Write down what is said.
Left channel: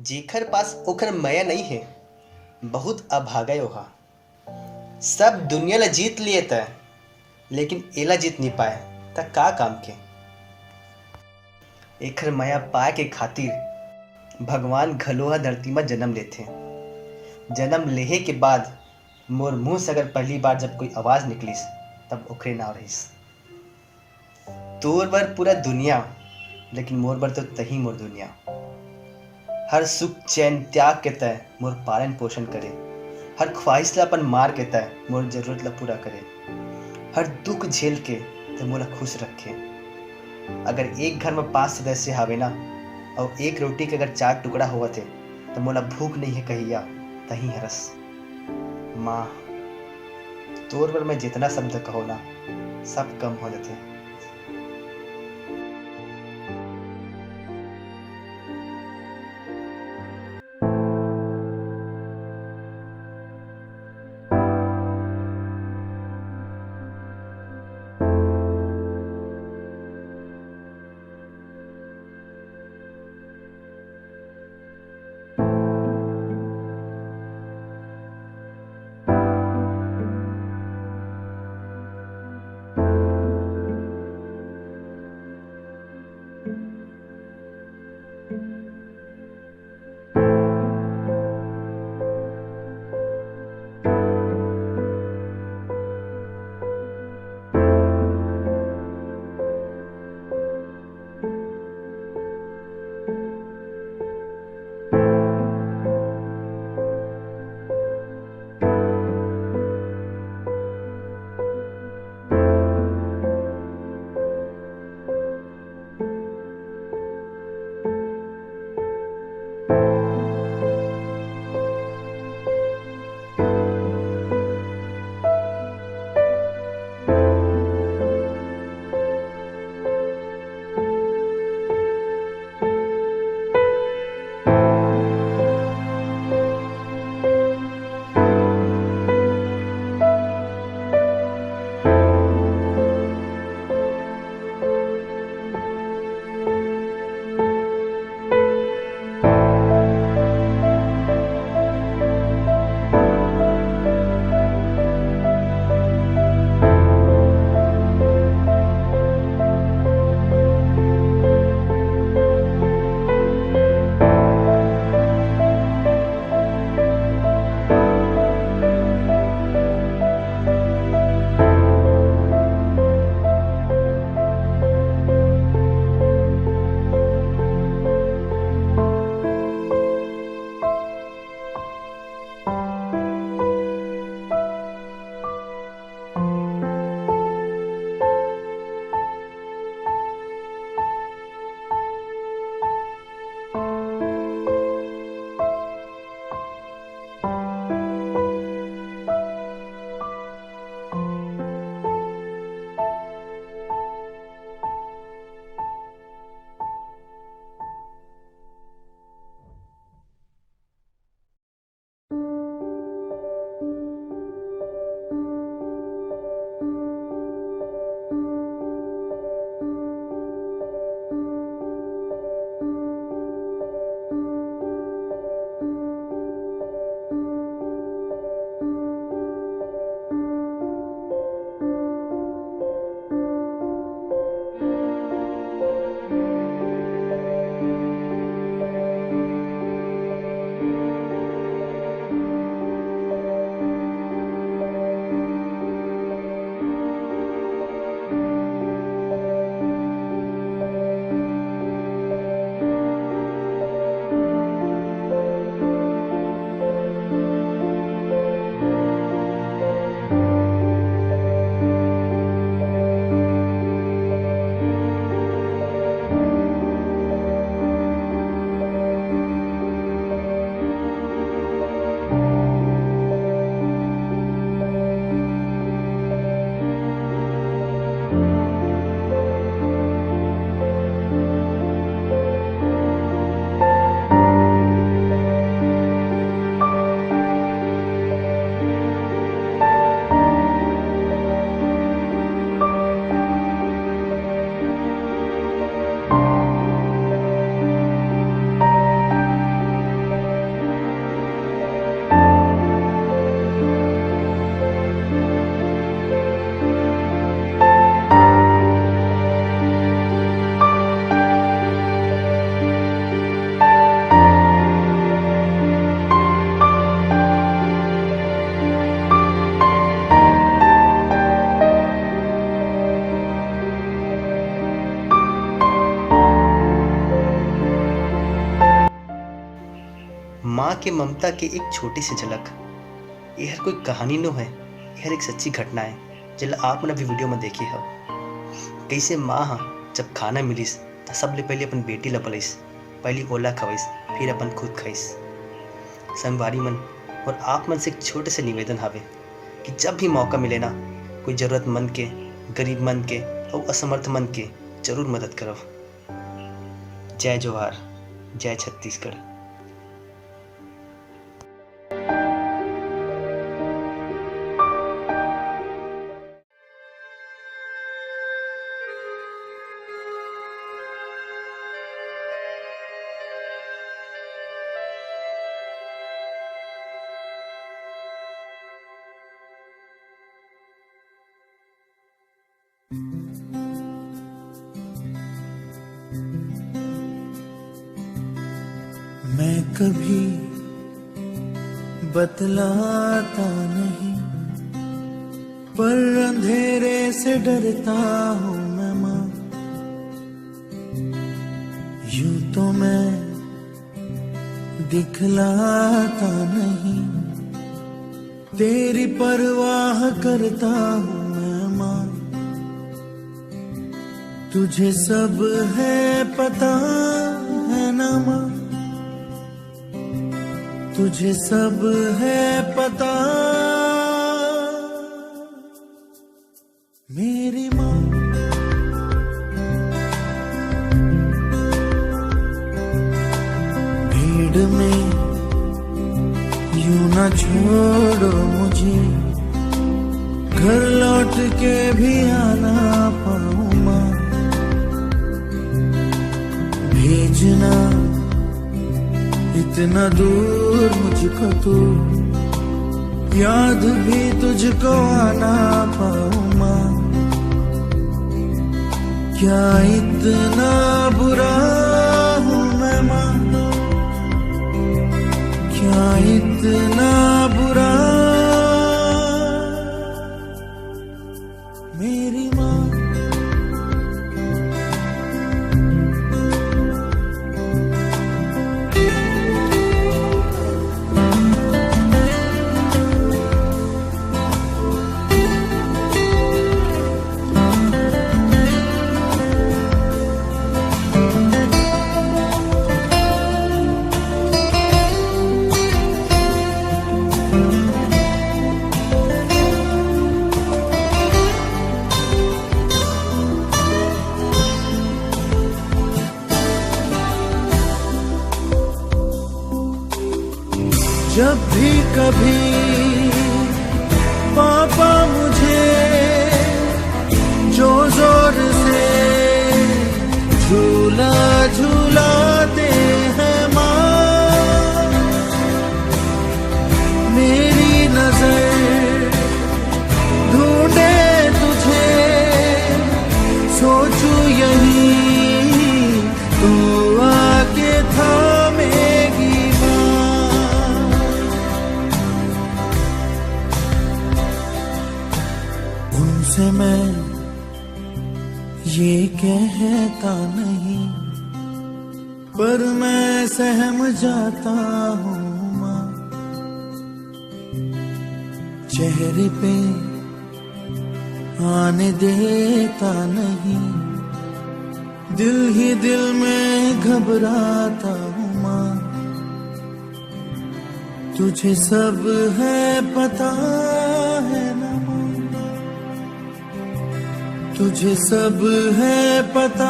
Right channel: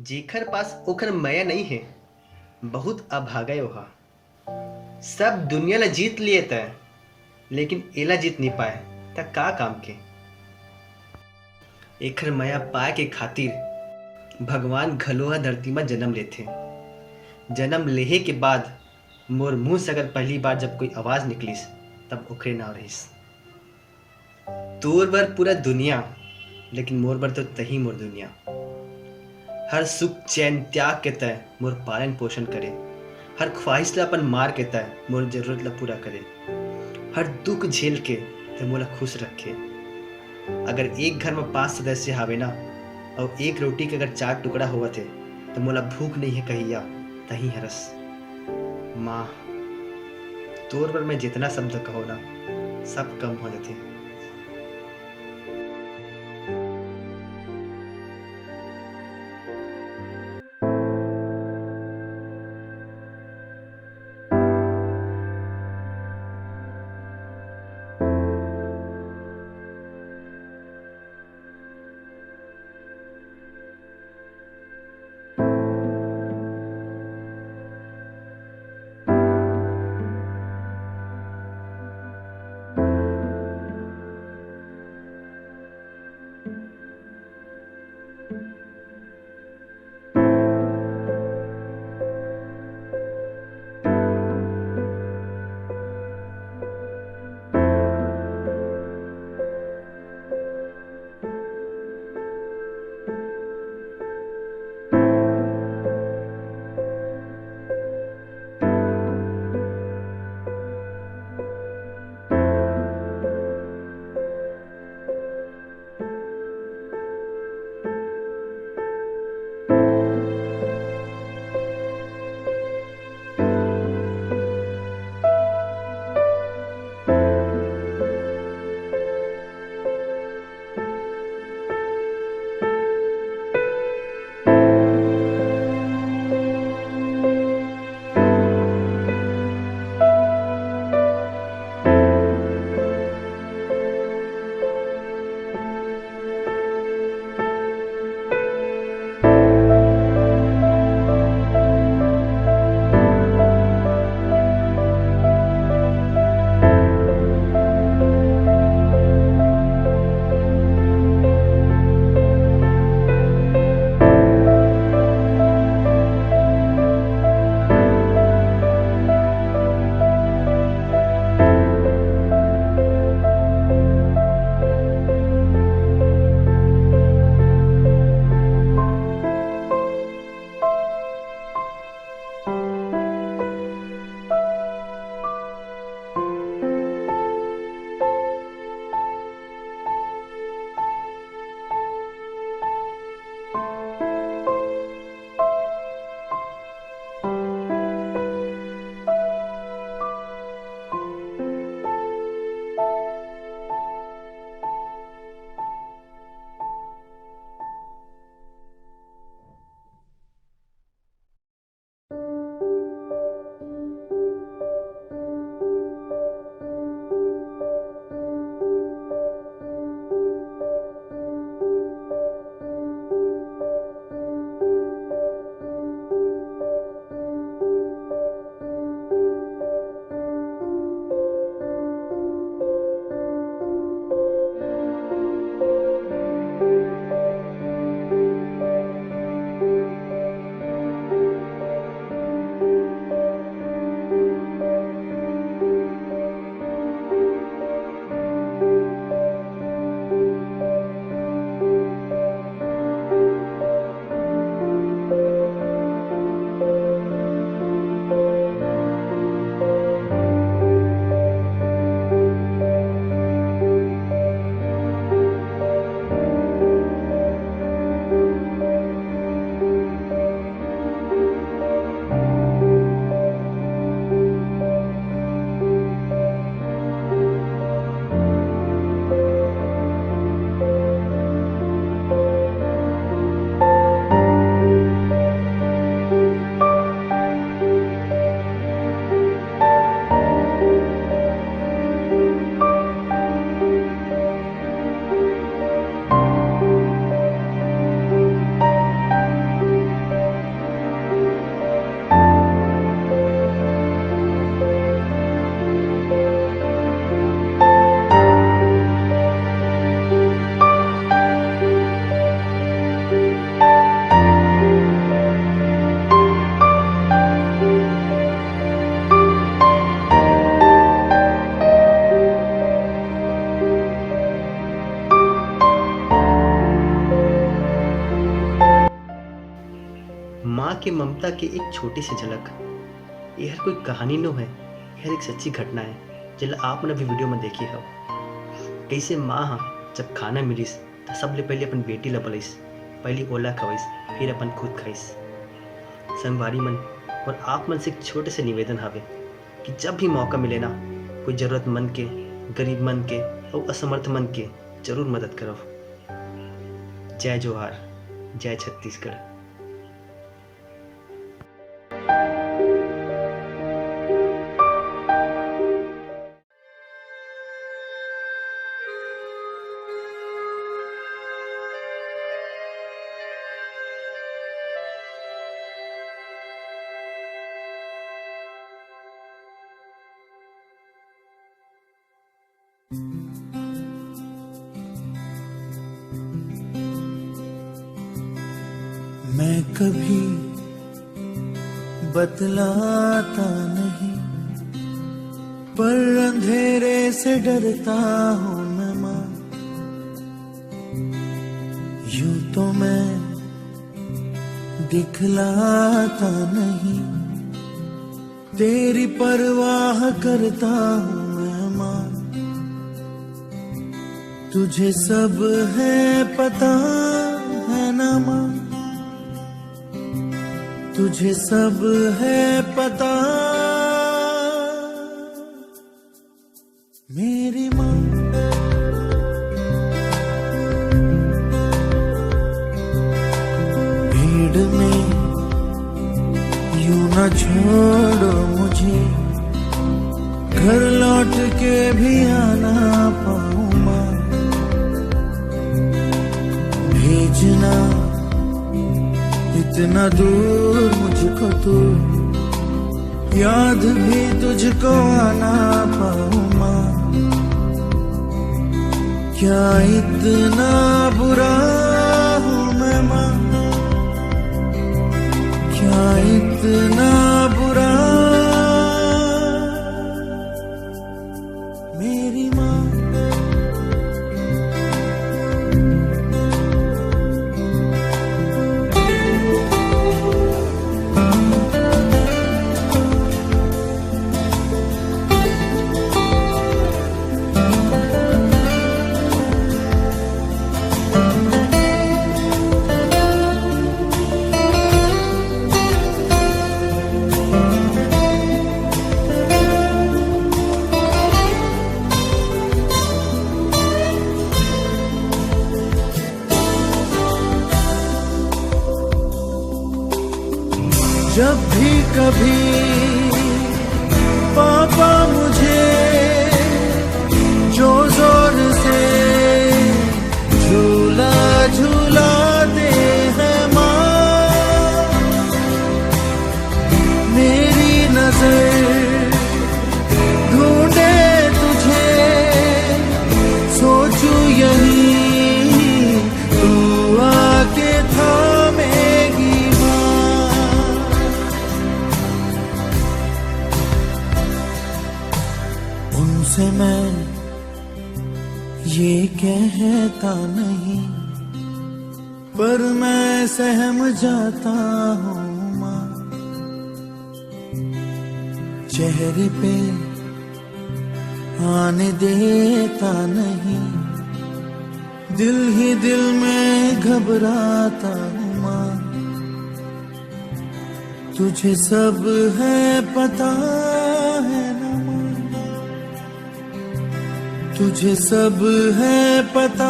जेकर पास ओकर मया नहीं है, बहुत अभागा ओहा। सब दुनिया ला जीत लिए तय, लेकिन एला जीत नहीं पाए। त का काम के? एकर मया पाए के खातिर भगवान घलोहा धरती में जन्म लेथे। जन्म लेहे के बाद मोर मुंह से अगर पहली बार जब कोई आवाज निकलिस, तब ओखरे नाव रहिस। तोर बर पूरा दुनिया, लेकिन मोर बर तो तही मोर दुनिया। हर सुख चैन त्याग के तय मोर पालन पोषण करे। हर ख्वाहिश ला अपन मार के तय मोर जरूरत ला पूरा करे। हर दुख झेल के ते मोला खुश रखे। अगर एक घर में 5 सदस्य हावे ना, और एक रोटी के अगर 4 टुकड़ा होवत है, तो मोला भूख नहीं है कहिया तही हरस। माँ, तोर बर मैं जितना शब्द कहो ना, सब कम हो जाते। के ममता की एक छोटी सी झलक। ये हर कोई कहानी नो है, ये हर एक सच्ची घटना है जिला आप मन अभी वीडियो में देखिए हो। कैसे माँ हा जब खाना मिलिस तो सबले पहले अपन बेटी ला पलिस, पहले ओला खवाइस फिर अपन खुद खाइस। संगवारी मन और आप मन से एक छोटे से निवेदन हावे कि जब भी मौका मिले ना, कोई जरूरतमंद के, गरीब मन के और असमर्थ मन के जरूर मदद करो। जय जोहार, जय छत्तीसगढ़। मैं कभी बतलाता नहीं, पर अंधेरे से डरता हूँ मैं माँ। यूं तो मैं दिखलाता नहीं, तेरी परवाह करता हूँ मैं माँ। तुझे सब है पता है ना माँ, तुझे सब है पता मेरी माँ। भीड़ में यूं न छोड़ो मुझे, घर लौट के भी आना पाऊँ माँ। भेजना इतना दूर मुझको तू, याद भी तुझको आना पाऊँ माँ। क्या इतना बुरा हूँ मैं माँ, क्या इतना बुरा मेरी माँ। जब भी कभी पापा मुझे जो जोर से झूला झूलाते हैं माँ, मेरी नजर ढूंढे तुझे, सोचूं यही तू आके थामेगी से। मैं ये कहता नहीं, पर मैं सहम जाता हूँ माँ। चेहरे पे आने देता नहीं, दिल ही दिल में घबराता हूँ माँ। तुझे सब है पता है ना माँ, तुझे सब है पता